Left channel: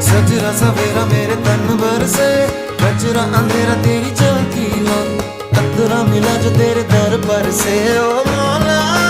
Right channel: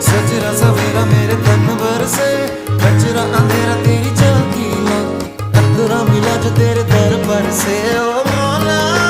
सजरा सवेरा मेरे तन भर से, कचरा अंधेरा तेरी झांकी ला, कतरा मिला जो तेरे दर पर से। ओ मौला